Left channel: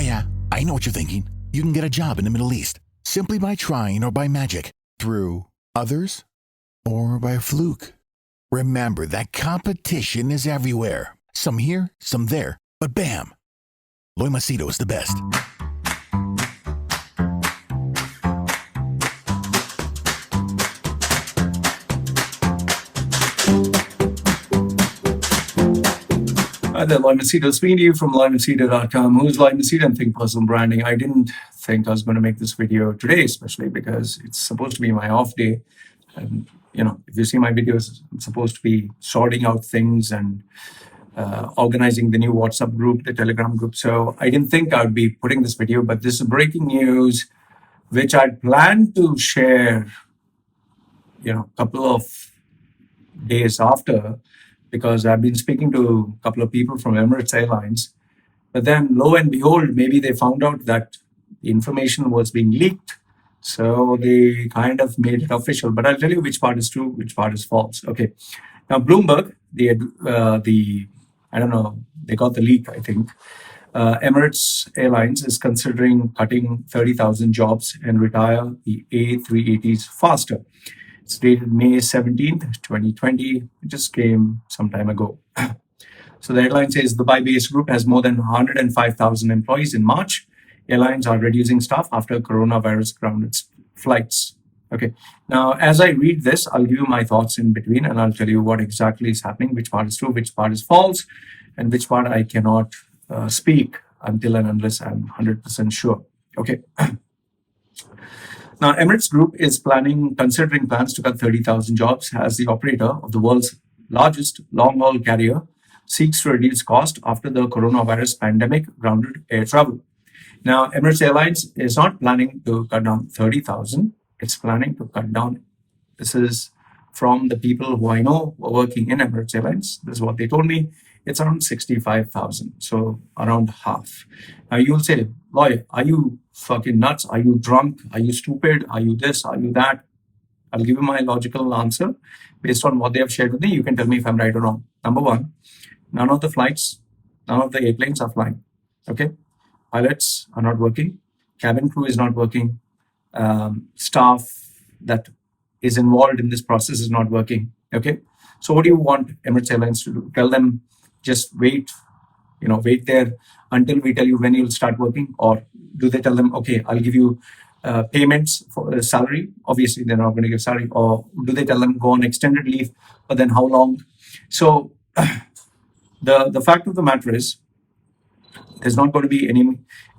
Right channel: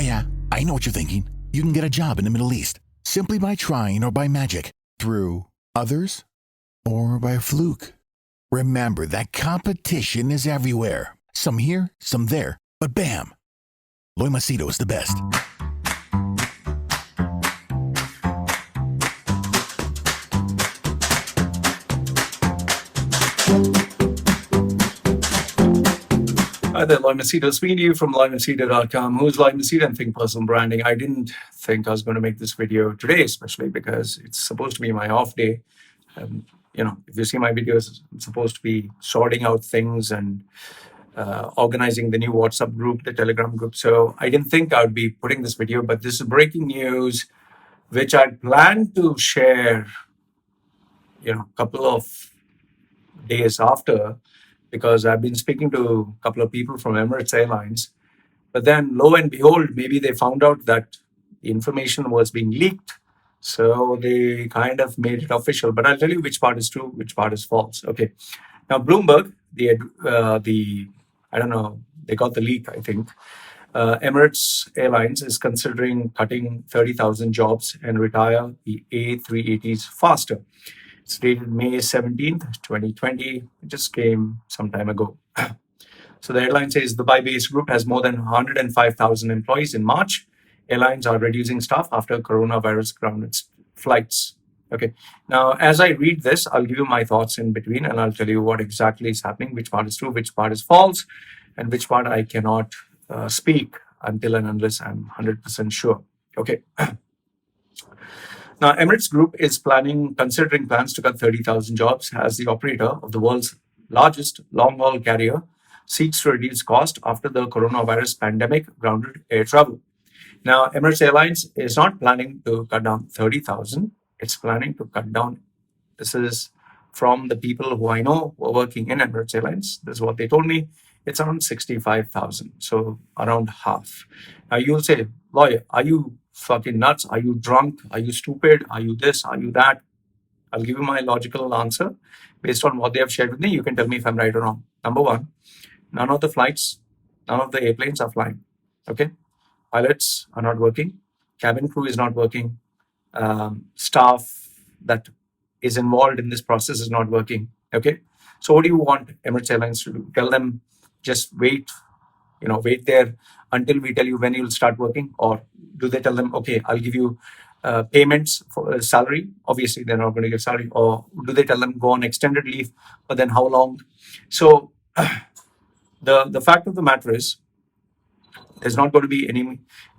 Yeah, I know what you're thinking. You can get a job in the Middle East simply by trying or by magic, through others, or by fluke. Remember that competition is everywhere. Some here, some there, but bam! Loy Macedo is the best. Hi there, Loy Macedo. Speaking to you from LoyMacedo.com. Who's Loy Macedo and Think Personal Branding? I didn't think I was going to make this video today, especially because it's supposed to be my off day. If you see my videos, I'm supposed to be sorting out things and organizing the new WhatsApp group, the Telegram group. So I didn't think I would be putting this video, but this is breaking news, which I planned to share, a couple of days after, because I've been speaking to a couple of people from Emirates Airlines. But then, lo and behold, maybe they found out that the information was being leaked. So they kind of made it official. But I'll tell you which part is true, which part is false. Okay. Now, Bloomberg, I don't know, they got the leak, I think. Emirates Airlines is considering cutting 30,000 jobs and retire the A380s faster. It's dated May 17th, 2020. It just came some time ago. So the headline says Dubai-based group has more than 105,000 employees in March. Airlines are reducing staff after coronavirus grounded flights. Okay. Now, as I read this, I'll give you my thoughts in between, and I'll tell you what exactly is happening, which part is true, which part is false, and which part I cannot speak until and unless I'm 100% sure. Okay. Now, Emirates Group is considering plans to cut 30,000 jobs as the operator of the world's largest long-haul carrier seeks to reduce cost after the coronavirus pandemic grounded air travel. Now, Emirates Airlines is not planning to cut down 30,000. It's planning to cut down. This is from the people who I know who are working in Emirates Airlines. This is what they told me. It's around 65,000, so around half. Now, you'll say, Loy, are you fucking nuts? Are you drunk? Are you stupid? Are you this? Are you that? I'll give you my logical answer based on what they have shared with me. You can tell me if I'm right or wrong. Number one, none of the airplanes are flying. Okay. Pilots are not working. Cabin crew is not working. Staff that is involved in this process is not working. Okay. So what do you want Emirates Airlines to do? Tell them just wait there until we tell you when you'll start working? Or do they tell them, okay, I'll give you payments for salary? Obviously, they're not going to give salary. Or do they tell them go on extended leave? But then how long? So the fact of the matter is, there's not going to be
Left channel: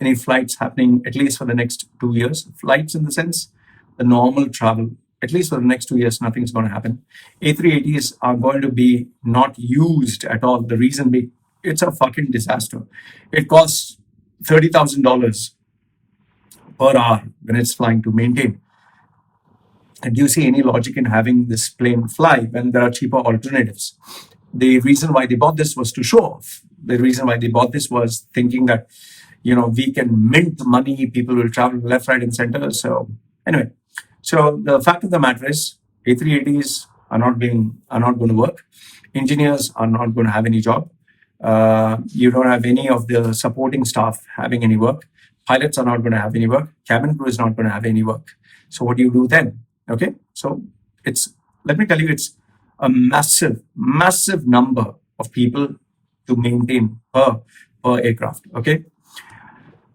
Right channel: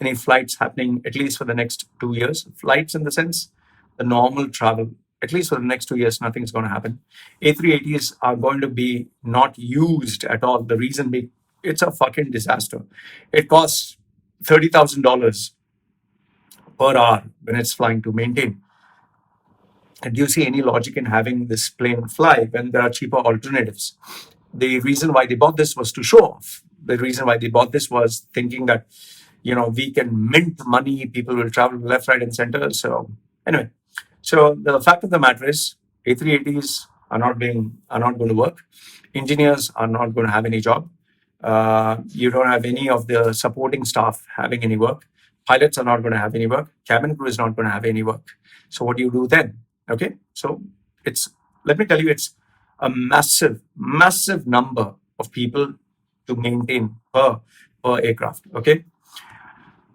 any flights happening, at least for the next 2 years. Flights in the sense, the normal travel, at least for the next 2 years, nothing's going to happen. A380s are going to be not used at all. The reason being, it's a fucking disaster. It costs $30,000 per hour when it's flying to maintain. And do you see any logic in having this plane fly when there are cheaper alternatives? The reason why they bought this was to show off. The reason why they bought this was thinking that, we can mint money, people will travel left, right, and center. So anyway, so the fact of the matter is, A380s are not going to work. Engineers are not going to have any job. You don't have any of the supporting staff having any work. Pilots are not going to have any work. Cabin crew is not going to have any work. So what do you do then? Okay, so let me tell you, it's a massive, massive number of people to maintain per aircraft. Okay.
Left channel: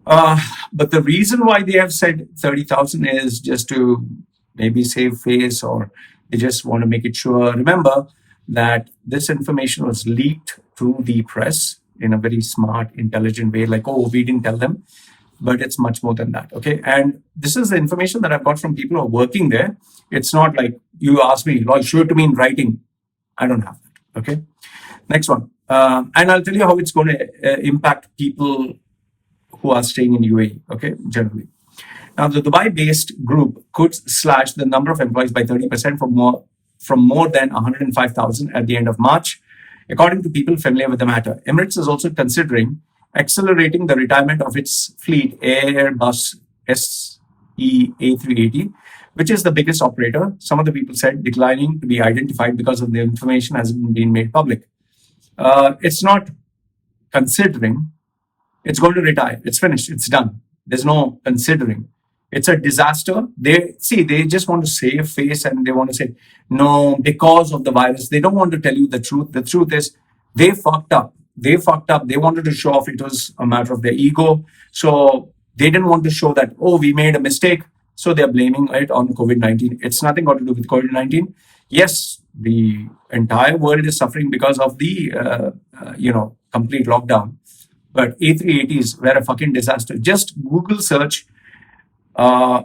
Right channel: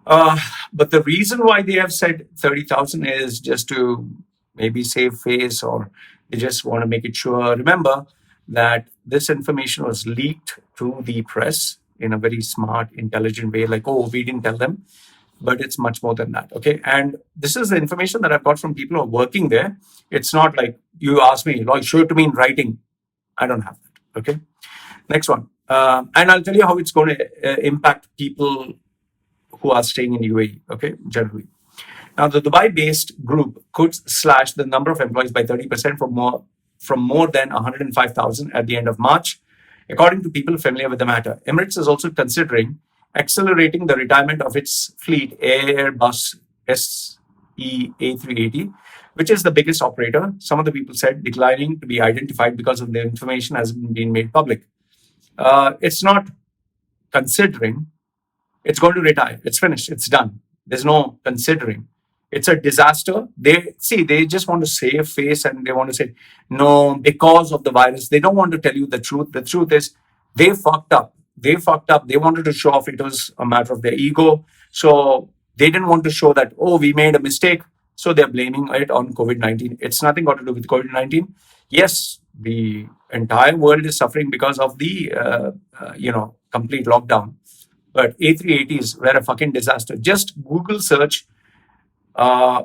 But the reason why they have said 30,000 is just to maybe save face, or they just want to make it sure. Remember that this information was leaked through the press in a very smart, intelligent way, like, oh, we didn't tell them. But it's much more than that. Okay. And this is the information that I've got from people who are working there. It's not like you ask me, Loy, show it to me in writing. I don't have that. Okay. Next one. And I'll tell you how it's going to impact people who are staying in UAE, okay, generally. Now, the Dubai-based group could slash the number of employees by 30% from more than 105,000 at the end of March, according to people familiar with the matter. Emirates is also considering accelerating the retirement of its fleet Airbus SE A380, which is the biggest operator. Some of the people said declining to be identified because of the information hasn't been made public. It's not considering, It's going to retire. It's finished. It's done. There's no considering. It's a disaster. They just want to save face and they want to say, no, because of the virus. They don't want to tell you the truth. The truth is they fucked up. They fucked up. They wanted to show off it was a matter of their ego. So they didn't want to show that, oh, we made a mistake. So they're blaming it on COVID 19. It's nothing got to do with COVID 19. Yes, the entire world is suffering because of the, complete lockdown. But A380s were a fucking disaster. Just Google search uh,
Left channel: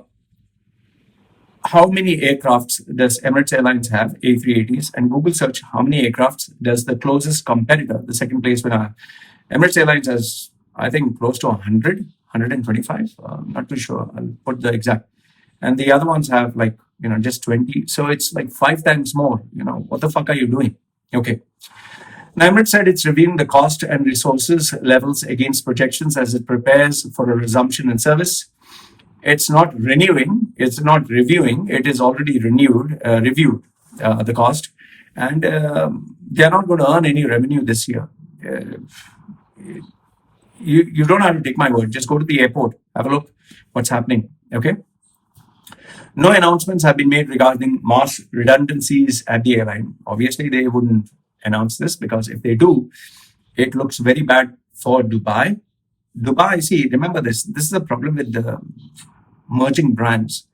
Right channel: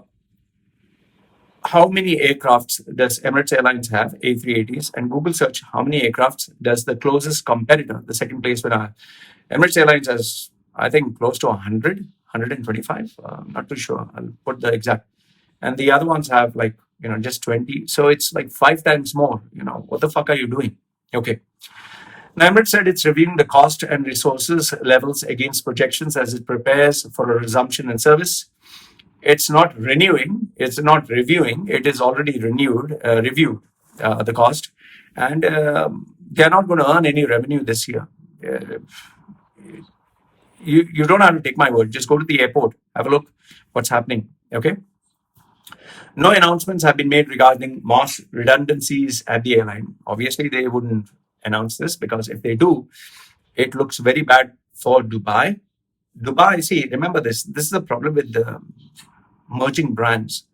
how many aircrafts does Emirates Airlines have, A380s, and Google search how many aircrafts does the closest competitor, the second place winner. Emirates Airlines has, I think, close to 100, 125. I'm not too sure. I'll put the exact. And the other ones have just 20. So it's like 5 times more. What the fuck are you doing? Okay. Now, Emirates said it's reviewing the cost and resources levels against projections as it prepares for a resumption in service. It's not renewing, it's not reviewing, it is already reviewed the cost, and they're not going to earn any revenue this year. You don't have to take my word. Just go to the airport, have a look what's happening. Okay. No announcements have been made regarding mass redundancies at the airline. Obviously, they wouldn't announce this because if they do, it looks very bad for Dubai. Dubai, see, remember this. This is the problem with the merging brands.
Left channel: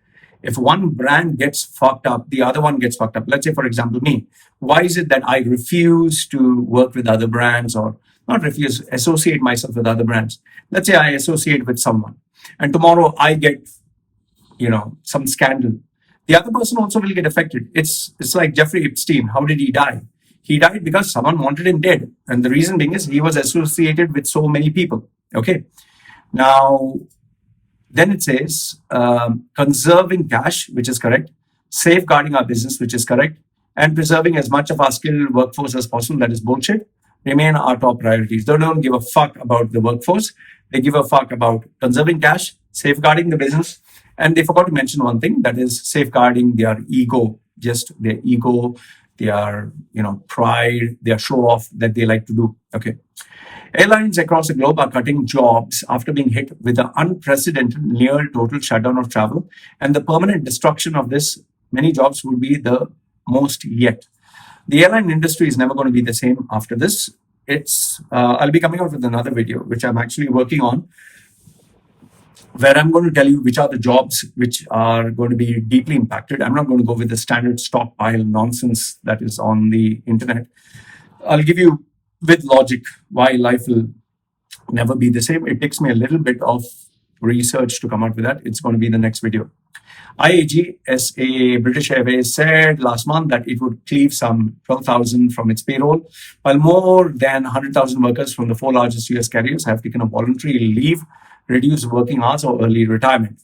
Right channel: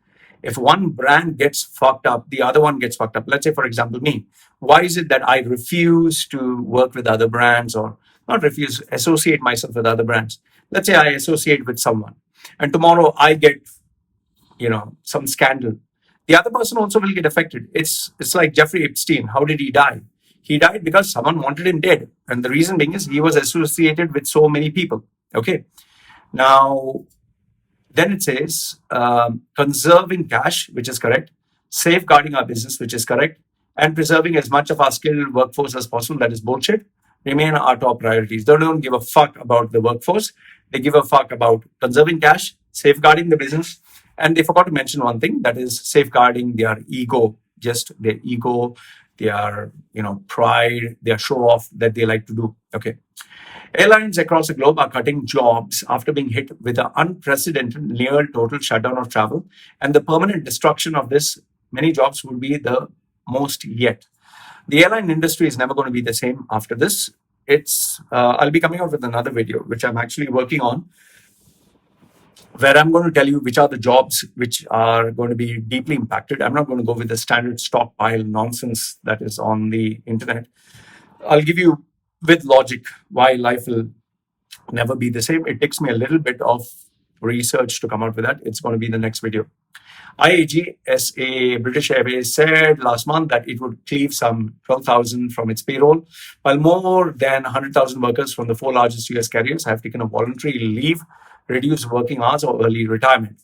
If one brand gets fucked up, the other one gets fucked up. Let's say, for example, me. Why is it that I refuse to work with other brands or not refuse, associate myself with other brands? Let's say I associate with someone and tomorrow I get, some scandal. The other person also will get affected. It's like Jeffrey Epstein. How did he die? He died because someone wanted him dead. And the reason being is he was associated with so many people. Okay. Now, then it says conserving cash, which is correct, safeguarding our business, which is correct, and preserving as much of our skilled workforce as possible, that is bullshit, remain our top priorities. They don't give a fuck about the workforce. They give a fuck about conserving cash, safeguarding the business, and they forgot to mention one thing, that is safeguarding their ego, just their ego, their pride, their show off that they like to do. Okay. Airlines across the globe are cutting jobs after being hit with an unprecedented near total shutdown of travel, and the permanent destruction of this many jobs will be the most yet. The airline industry is never going to be the same after this. I'll be coming out with another video, which I'm actually working on, where I'm going to tell you which are the jobs which are going to be deeply impacted. I'm not going to go with the standard stockpile nonsense that is on the internet. I'll give you with logic why life will never be the same. It takes me a little bit of research to come out with that. It's going to be in the next video. IAG, SA British Airways, said last month that it would cleave some 12,000 from its payroll, while more than 100,000 workers from the 4 largest US carriers have taken a voluntary leave, reduced working hours, or early retirement.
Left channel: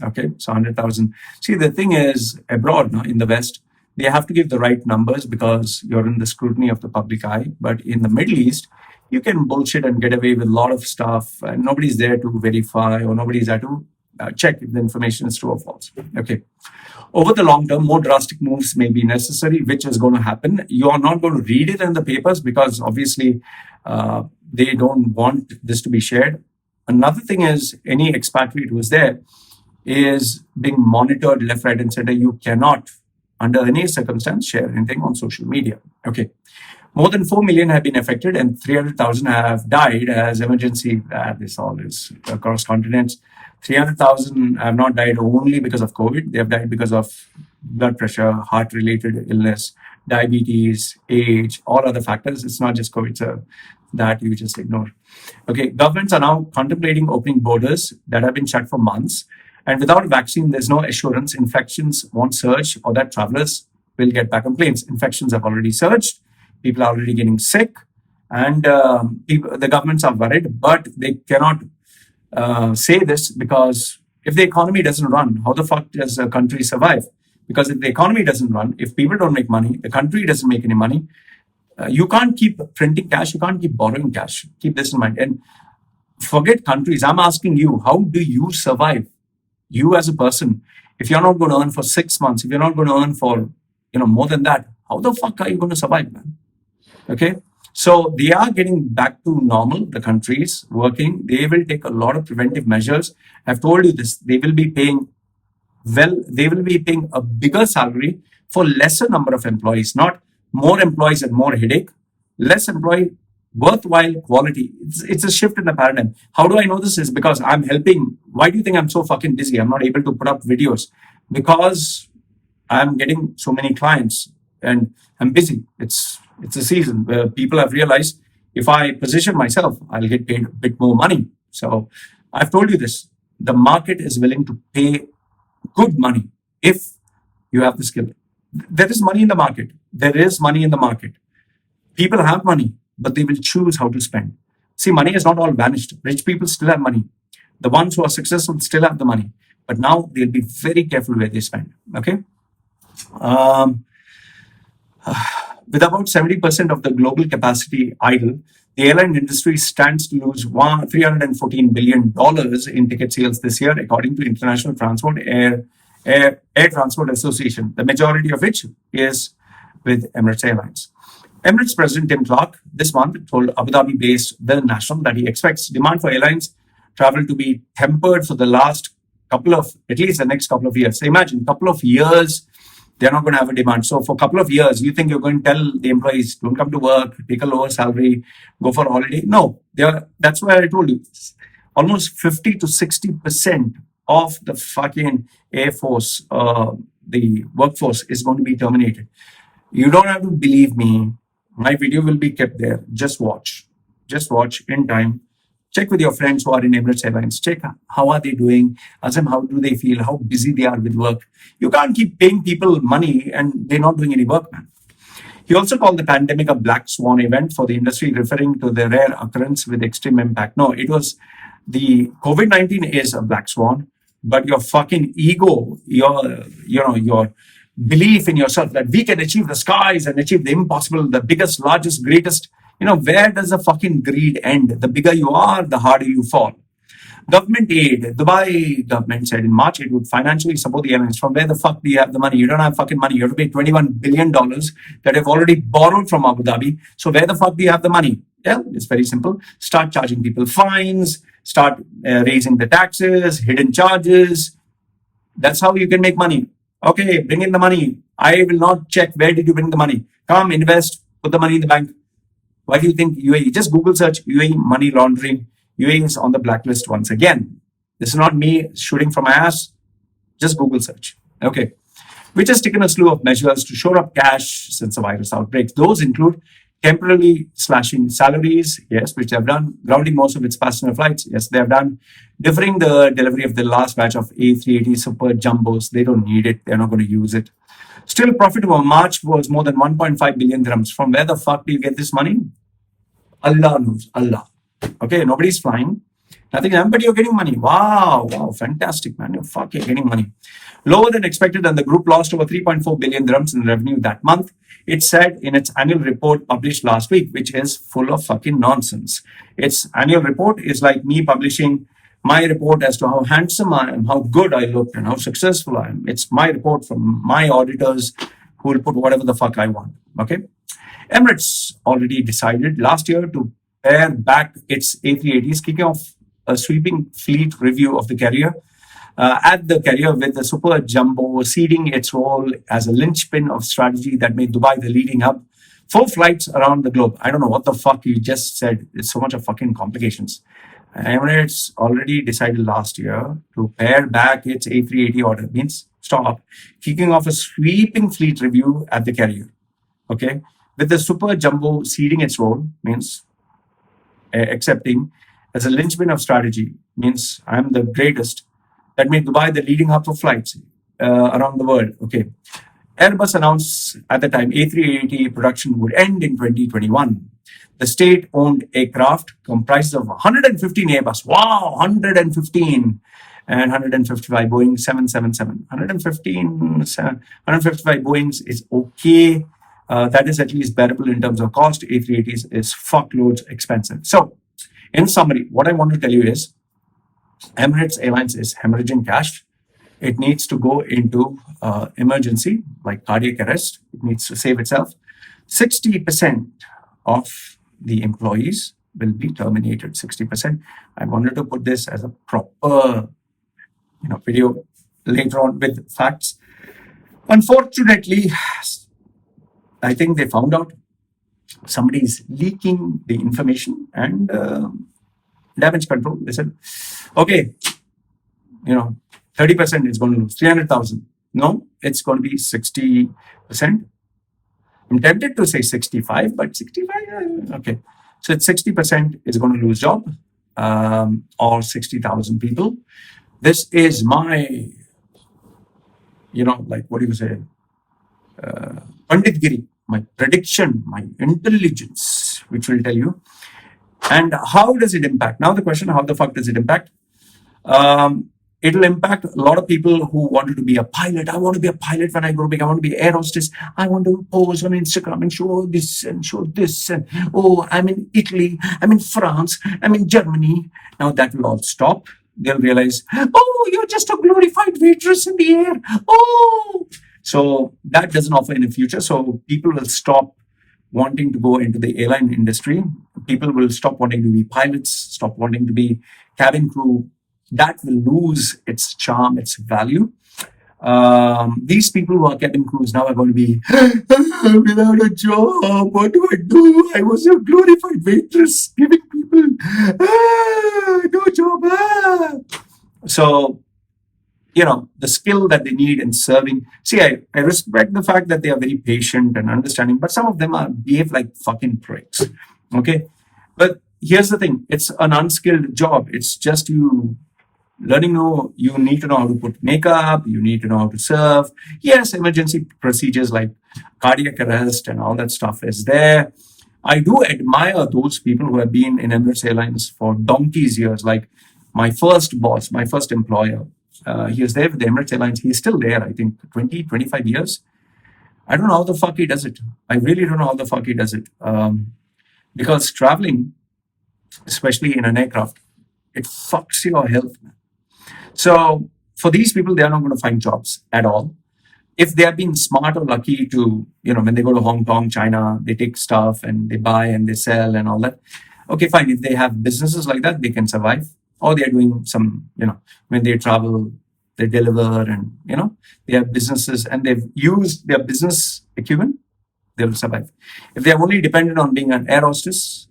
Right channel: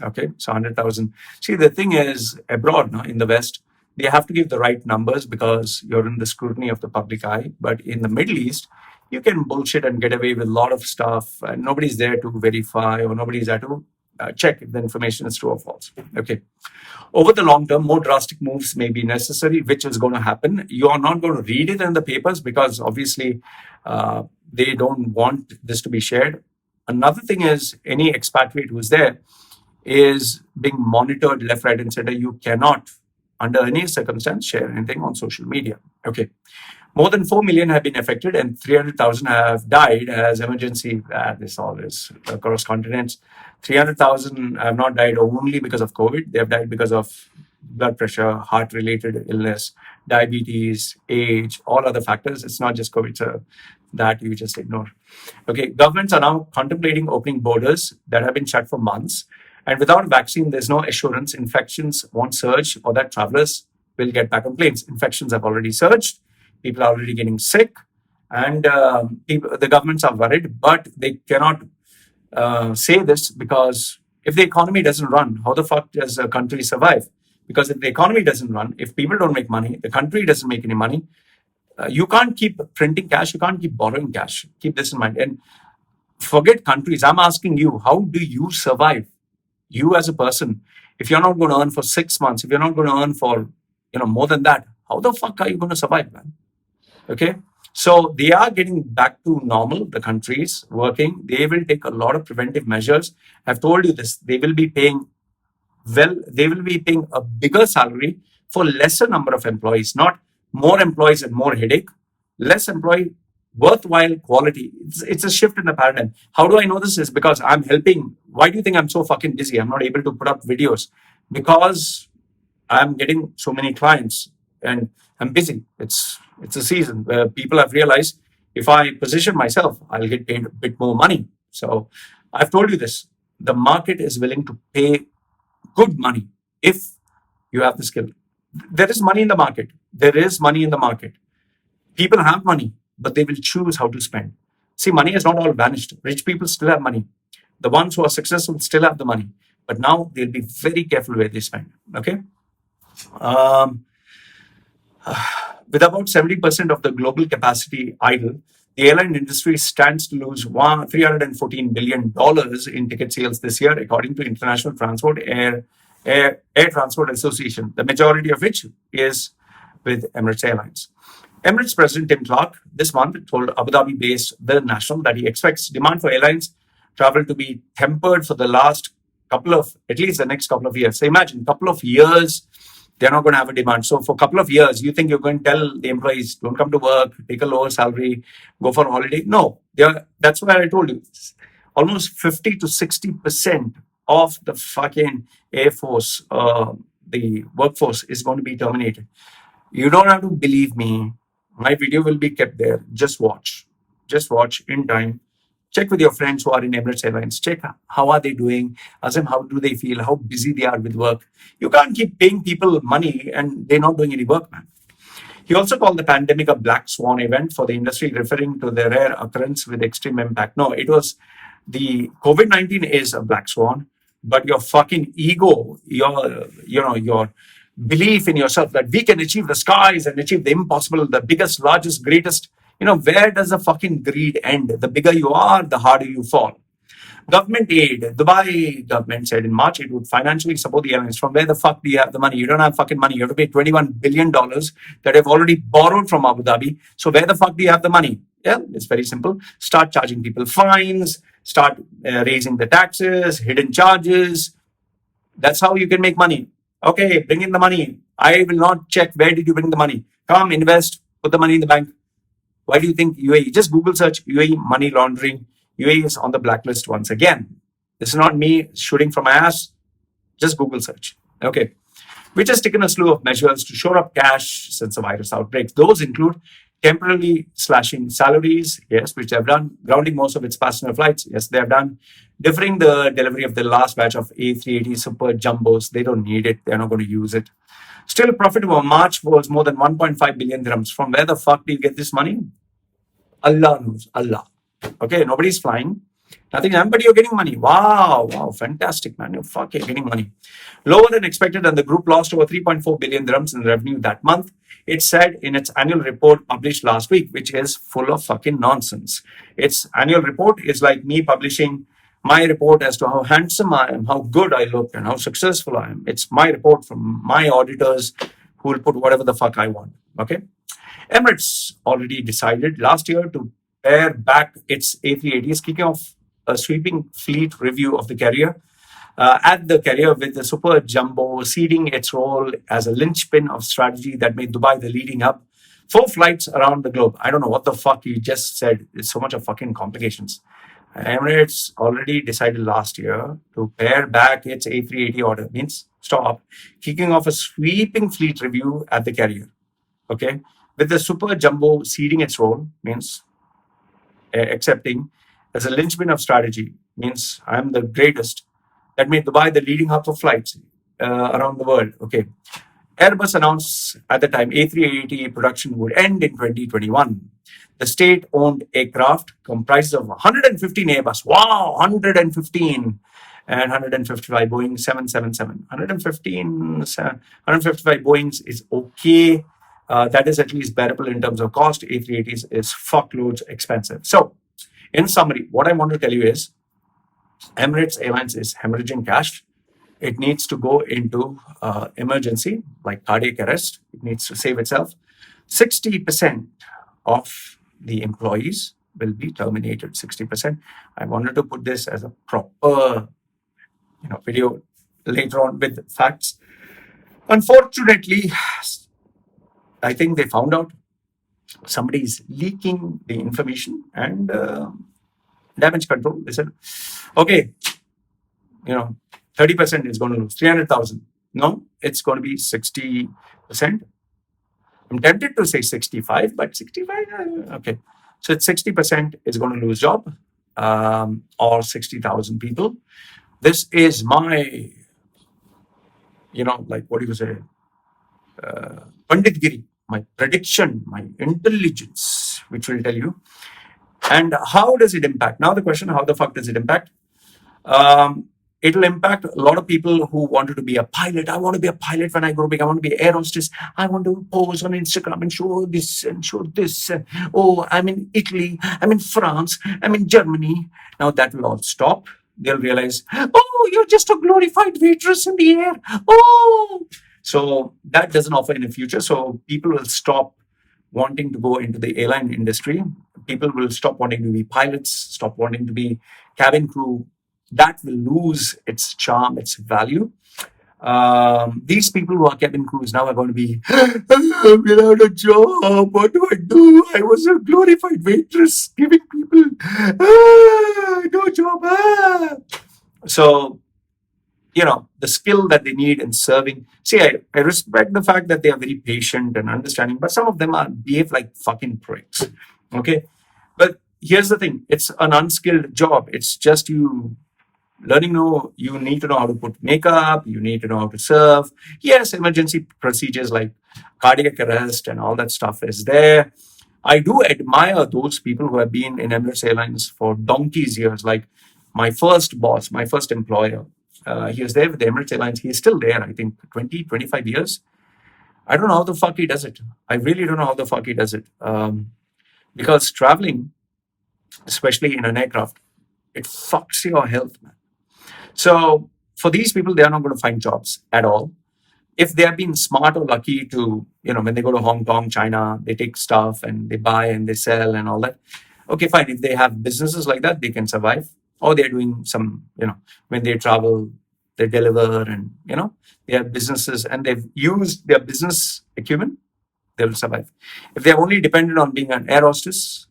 Okay, so 100,000. See, the thing is, abroad, in the West, they have to give the right numbers because you're in the scrutiny of the public eye. But in the Middle East, you can bullshit and get away with a lot of stuff, and nobody's there to verify or nobody's there to check if the information is true or false. Okay. Over the long term, more drastic moves may be necessary, which is going to happen. You are not going to read it in the papers because obviously they don't want this to be shared. Another thing is any expatriate who is there is being monitored left, right, and center. You cannot, under any circumstance, share anything on social media. Okay. More than 4 million have been affected and 300,000 have died as emergency. This all is across continents. 300,000 have not died only because of COVID. They have died because of blood pressure, heart-related illness, diabetes, age, all other factors. It's not just COVID, so that you just ignore. Okay, governments are now contemplating opening borders that have been shut for months. And without a vaccine, there's no assurance infections won't surge or that travelers will get back on planes. Infections have already surged. People are already getting sick. And the governments are worried, but they cannot say this because if the economy doesn't run, how the fuck does a country survive? Because if the economy doesn't run, if people don't make money, the country doesn't make any money, you can't keep printing cash, you can't keep borrowing cash. Keep this in mind. And forget countries. I'm asking you, how do you survive? You as a person, if you're not going to earn for 6 months, if you're not going to earn for more than that, how the fuck are you going to survive, man? Okay. So they are getting back to normal, the countries working. They will take a lot of preventive measures. I've told you this. They will be paying a bigger salary for lesser number of employees, not more employees and more headache, less employee, worthwhile quality. It's a shift in the paradigm. How do I know this? Is because I'm helping. Why do you think I'm so fucking busy? I'm not able to put up videos because I'm getting so many clients and I'm busy. It's a season where people have realized if I position myself, I'll get paid a bit more money. So I've told you this. The market is willing to pay good money if you have the skill. There is money in the market. There is money in the market. People have money, but they will choose how to spend. See, money is not all vanished. Rich people still have money. The ones who are successful still have the money, but now they'll be very careful where they spend. Okay. Um, with about 70% of the global capacity idle, the airline industry stands to lose $314 billion in ticket sales this year, according to International Air Transport Association, the majority of which is with Emirates Airlines. Emirates President Tim Clark this month told Abu Dhabi-based The National that he expects demand for airlines travel to be tempered for the at least the next couple of years. So imagine, couple of years, they're not going to have a demand. So for a couple of years, you think you're going to tell the employees, don't come to work, take a lower salary, go for a holiday? No, that's why I told you, almost 50 to 60% of the fucking Air Force, the workforce is going to be terminated. You don't have to believe me. My video will be kept there. Just watch in time. Check with your friends who are in Emirates Airlines. Check how are they doing. Ask them how do they feel, how busy they are with work. You can't keep paying people money and they're not doing any work, man. He also called the pandemic a black swan event for the industry, referring to the rare occurrence with extreme impact. No, it was the COVID-19 is a black swan, but your fucking ego, your belief in yourself that we can achieve the skies and achieve the impossible, the biggest, largest, greatest. Where does the fucking greed end? The bigger you are, the harder you fall. Government aid. Dubai government said in March it would financially support the airlines. From where the fuck do you have the money? You don't have fucking money. You have to pay $21 billion that have already borrowed from Abu Dhabi. So where the fuck do you have the money? Yeah, it's very simple. Start charging people fines. Start raising the taxes, hidden charges. That's how you can make money. Okay, bring in the money. I will not check where did you bring the money. Come, invest, put the money in the bank. Why do you think UAE? Just Google search UAE money laundering. UAE is on the blacklist once again. This is not me shooting from my ass. Just Google search. Okay. Which has taken a slew of measures to shore up cash since the virus outbreak. Those include temporarily slashing salaries, yes, which they have done, grounding most of its passenger flights, yes, they have done, deferring the delivery of the last batch of A380 Super Jumbos. They don't need it. They're not going to use it. Still profitable. March was more than 1.5 billion dirhams. From where the fuck do you get this money? Allah knows. Allah. Okay, nobody's flying. Nothing, but you're getting money. Wow, fantastic, man. You're getting money. Lower than expected, and the group lost over 3.4 billion dirhams in revenue that month. It said in its annual report published last week, which is full of fucking nonsense. Its annual report is like me publishing my report as to how handsome I am, how good I look, and how successful I am. It's my report from my auditors who will put whatever the fuck I want. Okay. Emirates already decided last year to pare back its A380s, kicking off a sweeping fleet review of the carrier. At the carrier with the Super Jumbo ceding its role as a linchpin of strategy that made Dubai the leading hub. 4 flights around the globe. I don't know what the fuck you just said. It's so much of fucking complications. Emirates already decided last year to pare back its A380 order. Means stop. Kicking off a sweeping fleet review at the carrier. Okay. With the Super Jumbo ceding its role, means accepting as a linchpin of strategy, means I'm the greatest, that made Dubai the leading hub for flights around the world. Okay. Airbus announced at the time A380 production would end in 2021. The state-owned aircraft comprises of 115 Airbus. Wow, 115 and 155 Boeing 777. 155 Boeings is okay. That is at least bearable in terms of cost. A380s is fuckloads expensive. So, in summary, what I want to tell you is Emirates Airlines is hemorrhaging cash. It needs to go into emergency, like cardiac arrest. It needs to save itself. 60% of the employees will be terminated, 60%. I wanted to put this as a proper video later on with facts. Unfortunately, I think they found out somebody is leaking the information, and damage control, they said, okay, 30% is going to lose 300,000. No, it's going to be 60%. I'm tempted to say 65, but 65, okay. So it's 60% is going to lose job, or 60,000 people. This is my, what do you say, Panditgiri, my prediction, my intelligence, which will tell you. And how does it impact? Now the question, how the fuck does it impact? It will impact a lot of people who wanted to be a pilot. I want to be a pilot when I grow big. I want to be an air hostess. I want to pose on Instagram and show this and show this. And oh, I'm in Italy. I'm in France. I'm in Germany. Now that will all stop. They'll realize, oh, you're just a glorified waitress in the air. Oh, so that doesn't offer any future. So people will stop wanting to go into the airline industry. People will stop wanting to be pilots, stop wanting to be cabin crew. That will lose its charm, its value. These people who are cabin crews now are going to be without a job. What do I do? I was a glorified waitress giving people no job. So, the skill that they need in serving. See, I respect the fact that they are very patient and understanding, but some of them behave like fucking pricks. Okay. But here's the thing. It's an unskilled job. It's just you you need to know how to put makeup, you need to know how to serve. Yes, emergency procedures like cardiac arrest and all that stuff is there. I do admire those people who have been in Emirates Airlines for donkey's years. Like my first boss, my first employer, he was there with the Emirates Airlines. He's still there, I think, 20, 25 years. I don't know how the fuck he does it. I really don't know how the fuck he does it. Because traveling, especially in an aircraft, it fucks your health, man. So for these people, they are not going to find jobs at all. If they have been smart or lucky to, when they go to Hong Kong, China, they take stuff and they buy and they sell and all that. Okay, fine. If they have businesses like that, they can survive. Or they're doing some, when they travel, they deliver and, they have businesses and they've used their business acumen, they will survive. If they're only dependent on being an air hostess,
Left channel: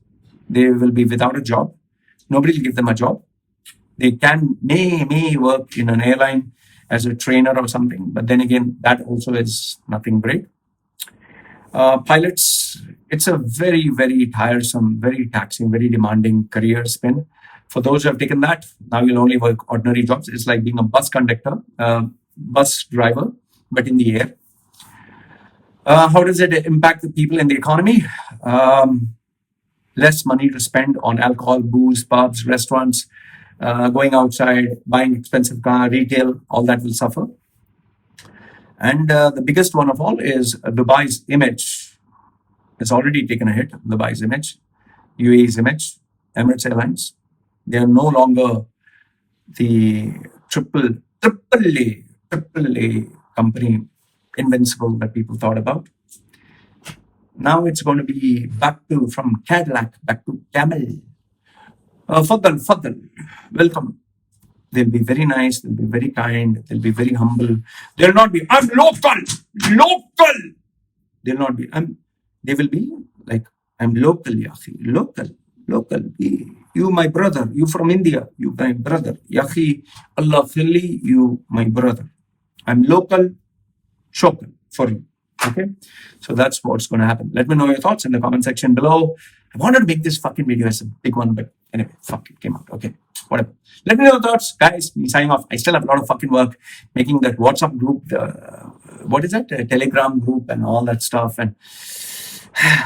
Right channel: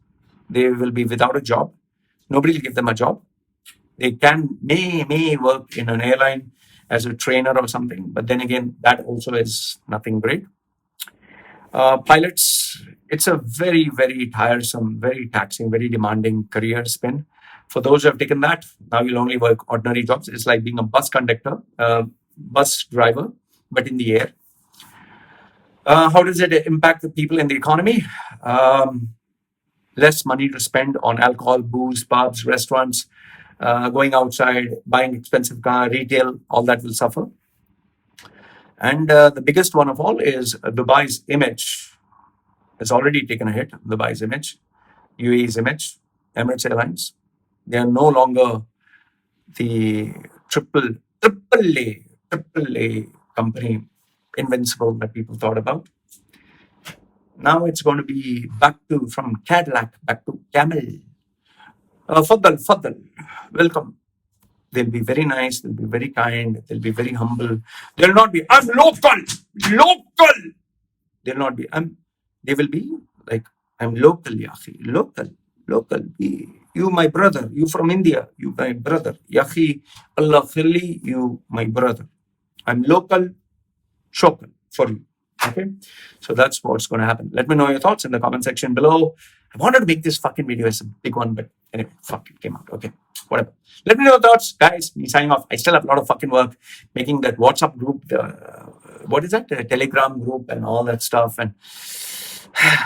they will be without a job. Nobody will give them a job. They may work in an airline as a trainer or something, but then again, that also is nothing great. Pilots, it's a very, very tiresome, very taxing, very demanding career spin. For those who have taken that, now you'll only work ordinary jobs. It's like being a bus conductor, bus driver, but in the air. How does it impact the people in the economy? Less money to spend on alcohol, booze, pubs, restaurants, going outside, buying expensive car, retail, all that will suffer. And the biggest one of all is Dubai's image. It's already taken a hit, Dubai's image, UAE's image, Emirates Airlines. They are no longer the triple A company, invincible, that people thought about. Now it's going to be from Cadillac back to Camel. Faddal, welcome. They'll be very nice, they'll be very kind, they'll be very humble. They'll not be, I'm local. They'll not be, they will be like, I'm local, yahi, local. You my brother, you from India, you my brother. Yahi, Allah khili, you my brother. I'm local, shokal for you. Okay, so that's what's going to happen. Let me know your thoughts in the comment section below. I wanted to make this fucking video as a big one, but anyway, fuck, it came out. Okay, whatever. Let me know your thoughts, guys. Me signing off. I still have a lot of fucking work making that WhatsApp group, what is that? Telegram group and all that stuff, and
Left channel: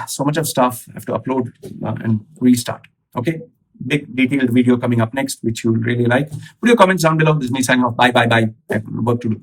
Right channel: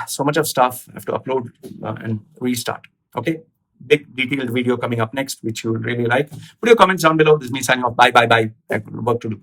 so much of stuff I have to upload and restart. Okay, big detailed video coming up next, which you will really like. Put your comments down below. This is me signing off. Bye. I have work to do.